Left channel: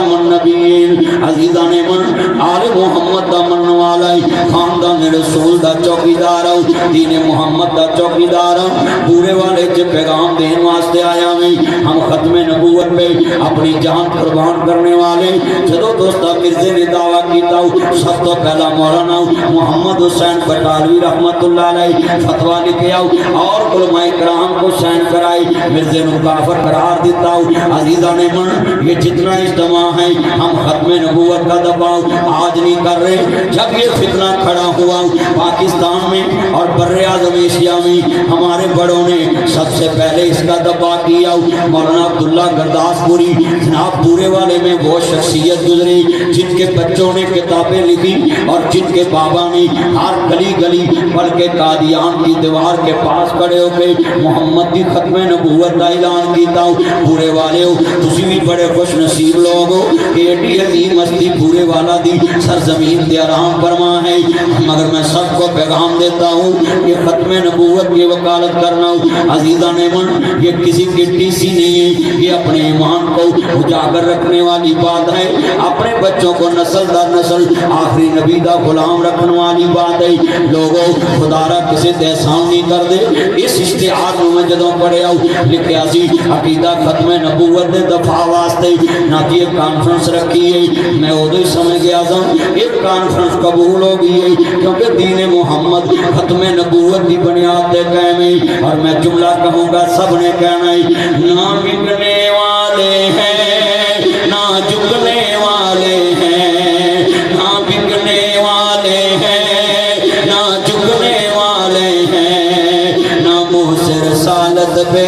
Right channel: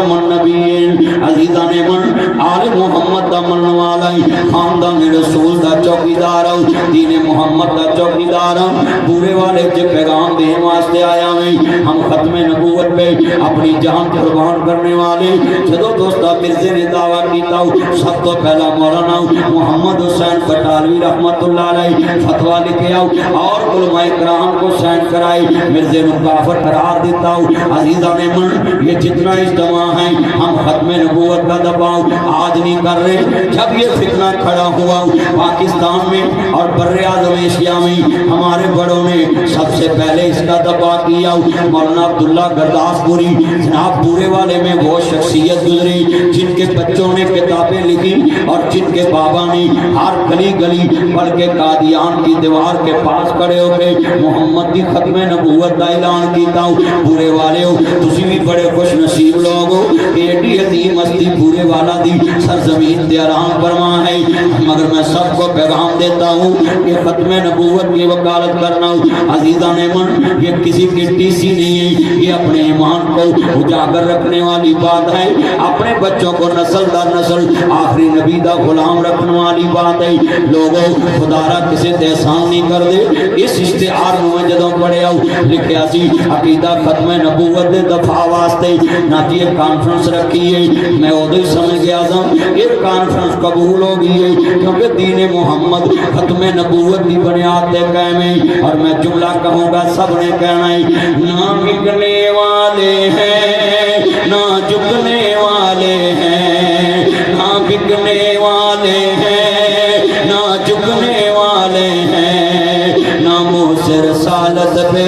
خاتم النبیین عزیزان من آل محمد دا من والا خاندان رسول دا چوکیدار دین محمد دا چوکیدار پورے والے چ پیغام دین واسطے آیا میں ہم ختم نبوت پہ اپنی جان قربان کرنے والے جدو دوستا مرزے نے دعویٰ کیتا سب تو پہلا مولانا محمد حسین بٹالوی رحمت اللہ علیہ فتویٰ لکھے اور علماء کرام کو سین کرائی مرزے نے کافر قرار دیتا عزیزان من یہ جتنا اجتماع ہے ہم ختم نبوت کا دباؤ آج نہیں کر رہے جب یہ فتنہ کھڑا ہوا پاکستان میں اور بر اعظم ایشیا میں ہمارے بڑوں نے سب سے پہلے اس کا دباؤ کیا مولانا عبداللہ گرداس پوری جناب پورے والے میں وہ شخصیت گزری جن کے بچوں نے کتابیں لکھی اور جن کے بابا نے ہر گلی گلی بلکہ قادیان کی دیوار کے پاس کھڑے ہو کے محمد دی ختم نبوت کا اعلان کیتا پورے والے ہو تسی بھی بڑے خوش نصیب لوگ ہو کہ ایڈی عظیم ہستی پورے والا دی سرزمین تے آرام فرما ہے مگر میں سب کو پیغام دیتا ہوں کہ ختم نبوت کی وکالت کرنا عزیزان من یہ کسی کی ٹیسی نہیں ہے یہ اپنے ایمان کو اجاگر رکھنے والی بات ہے اپنے بچوں کو نسل در نسل آخری نبی دا غلام رکھنے والی بات ہے لوگوں خدا را کسی احسان نہیں کر دے اس اشتہار میں جدوں پڑھے لکھیا سی عقیدہ ختم نبوت دے دفاع واسطے نہ کہ ایک کانفرنس رکھی ہے میں ادھر سمجھ گیا تھا ایک کانفرنس قبول ہو گئی ہے کیونکہ دین محمد ختم نبوت کی بنیاد دے قائم ہے اور میں جملہ کہوں گا سب نے کہنا ہے نہ بکنے والے ہیں نہ جھکنے والے ہیں نہ بکنے والے ہیں نہ جھکنے والے ہیں نہ منہ سے رسالت پہ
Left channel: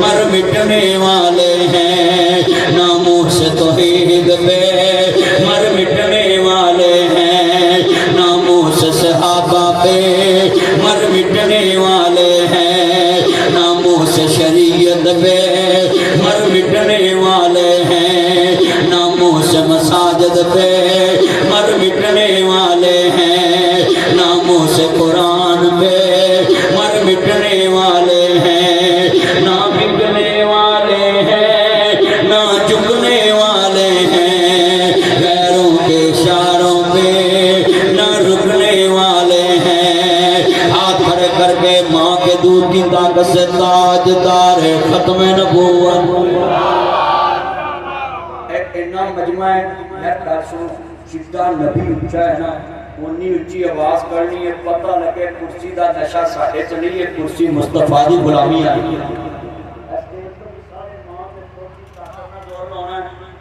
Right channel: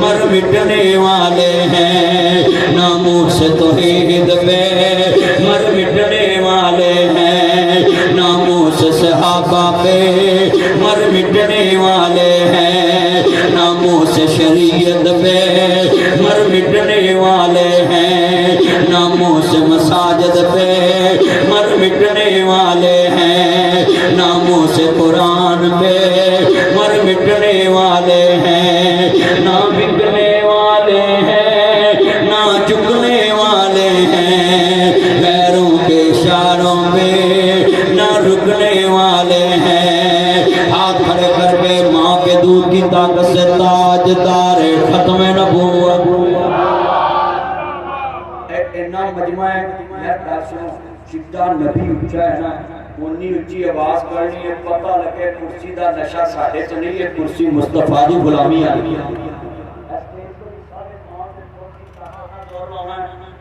مر مٹنے والے ہیں نہ منہ سے توحید پہ مر مٹنے والے ہیں نہ منہ سے صحابہ پہ مر مٹنے والے ہیں نہ منہ سے شریعت پہ مر مٹنے والے ہیں نہ منہ سے مساجد پہ مر مٹنے والے ہیں نہ منہ سے قرآن پہ مر مٹنے والے ہیں نہ بکنے والے ہیں نہ جھکنے والے ہیں غیروں کے اشاروں میں نہ رکنے والے ہیں ہاتھ کھڑے کر کے ماں کے دودھ کی طاقت سے تاج دار ختم نبوت اینا مجمع ہے میں کہا سنو شدہ نبی اچھا ہے نا انی اچھی آواز کرنی ہے پتہ لگے کرسی دا نشہ ساڑھے چلی ہے کرسی مصطفیٰ دی غلامی آئی ہے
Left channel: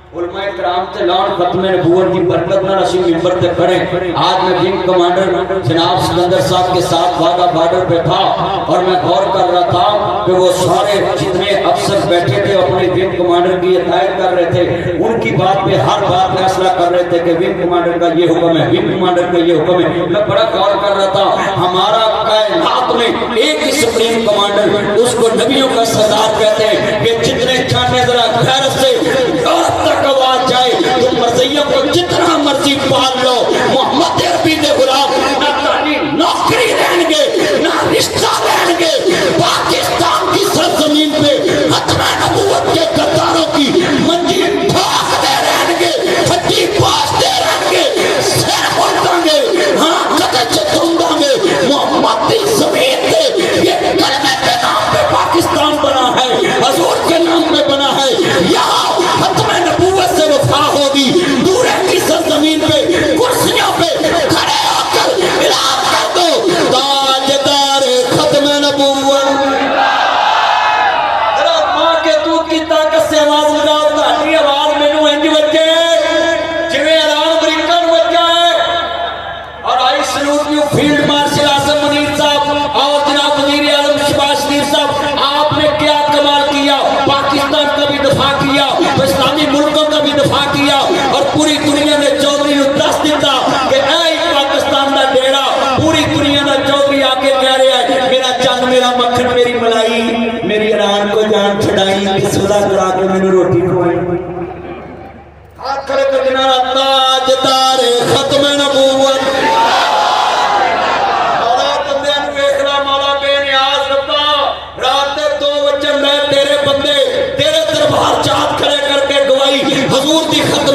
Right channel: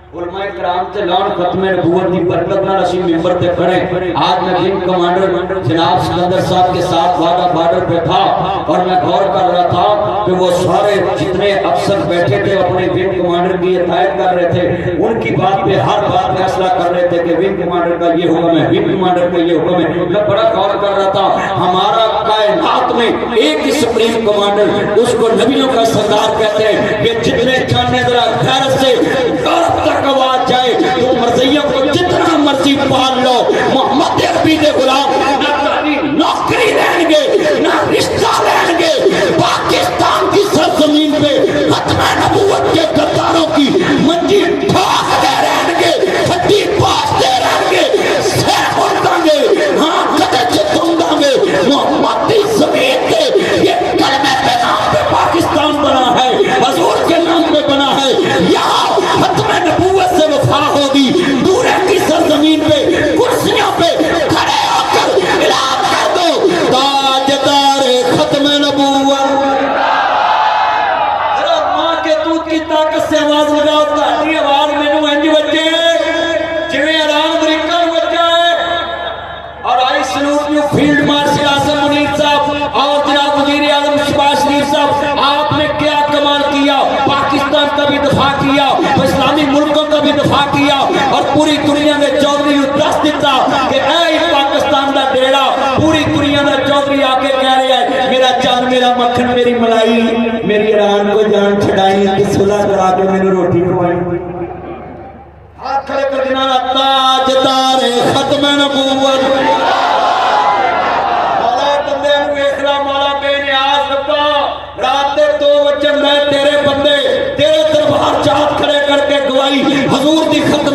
علماء کرام تے لان ختم نبوت کی برکت نہ رسی ممبر تے کھڑے آج میں ونگ کمانڈر جناب سکندر صاحب کے ساتھ وعدہ بارڈر پہ تھا اور میں غور کر رہا تھا کہ وہ سارے جتنے افسر بیٹھے تھے اپنے ونگ کمانڈر کی ہدایت کر رہے تھے ان کی بات پہ ہر بات فیصلہ کر رہے تھے کہ ونگ کمانڈر کا یہ حکم ہے ونگ کمانڈر کا یہ حکم ہے میں بڑا غور کر رہا تھا ہمارا کائنات میں ایک ہی سپریم کمانڈر اس کو نبیوں کا سردار کہتے ہیں کہ جتنے چھانے ذرا غیرت سے تو مرضیہ کو جتنا مرضی پال لو محمد عربی دے غلام نہ تعلیم نوکری رہیں گے نہ رشتہ رہیں گے پاکستان کی سرزمین پہ ختم نبوت کے غداروں کی منجی ٹھاک دے رہیں گے پھٹی پاس دے رہیں گے سیر ہوتاں گے ہاں کدے چتوں گے محمد دی زمین پہ یہ کلمہ کے نام پہ پاکستان بنا ہے حضور کے نام پہ بنا ہے یہاں ختم نبوت سے وفا ہوگی دورے کی سرزمین پہ کرسیوں پہ کھڑے ہو کر اعلان کر دو تاجدار ختم نبوت ذرا ماں کے دودھ کی طاقت سے آواز لگا تاکہ آواز مینوں انج بچے جویں اعلان امریکہ میں بچے اور آئی سلوٹ نیو فیلڈ مارشل اعظم منیر صاحب اور جناب وزیر اعظم شہباز شریف صاحب آپ نے کیا کمال کیا پاکستان کا بھی دفاع کیا اسلامی ملکوں کا بھی دفاع کیا اور پوری دنیا نے چودھری نے دس دیتا کہ اے پاکستان دا ڈیڑا پوری دنیا دا چودھری آکے کہہ رہا ہے میرا چاند میرا مکھن میری ملائی میری ایران کو جان چھڑائی کس خدا کرا کے میں نے روٹی کھوائی ہاتھ کھڑے کر دینا تاجدار ختم نبوت مولا بندے نو ویکھنا مولا بے نیاز ربا رات دے 2 بجے میں تیرے بندے تیرے دربار چاہت کھڑے کر کے گواہی حضور دی ختم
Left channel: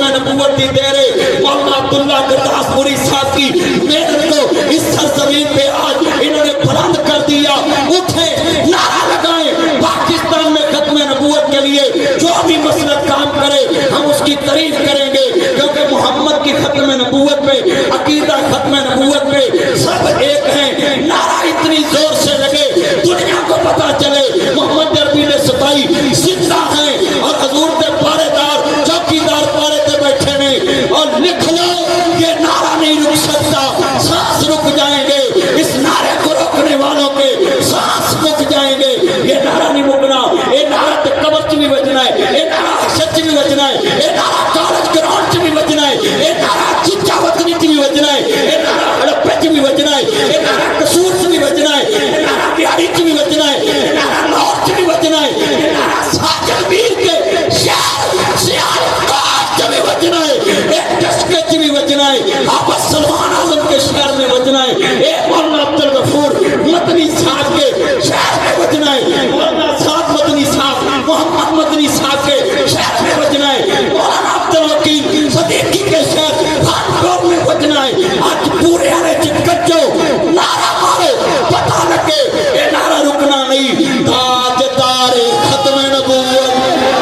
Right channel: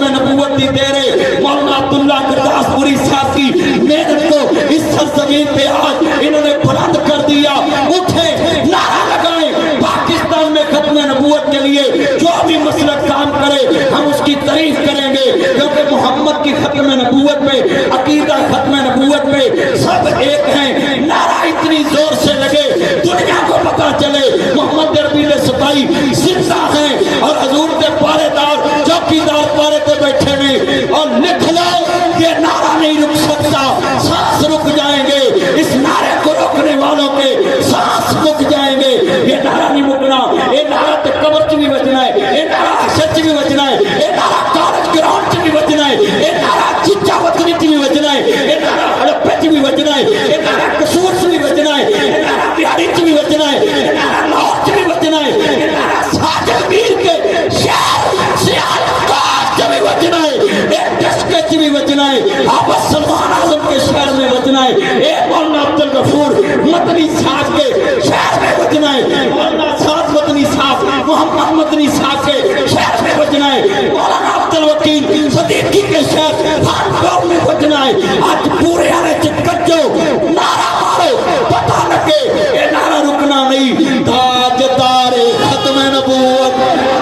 بھی بچنا ہے، ایک ٹسکچ بھی بچنا ہے، آپ سلمان اعظم کے شہر میں بچنا ہے، ایک مولانا عبد الغفور مدنی صاحب کے شہر میں بچنا ہے، مولانا صاحب مدنی صاحب محمد مدنی صاحب کے شہر میں بچنا ہے، مولانا عبد الوکیل صدیقی کے شہر بھانپور میں بچنا ہے۔ آج پورے آنے چکچو نعرہ مارو، پتہ لگے یہ نعرہ رکنا نہیں، تاج تارے ختم نبوت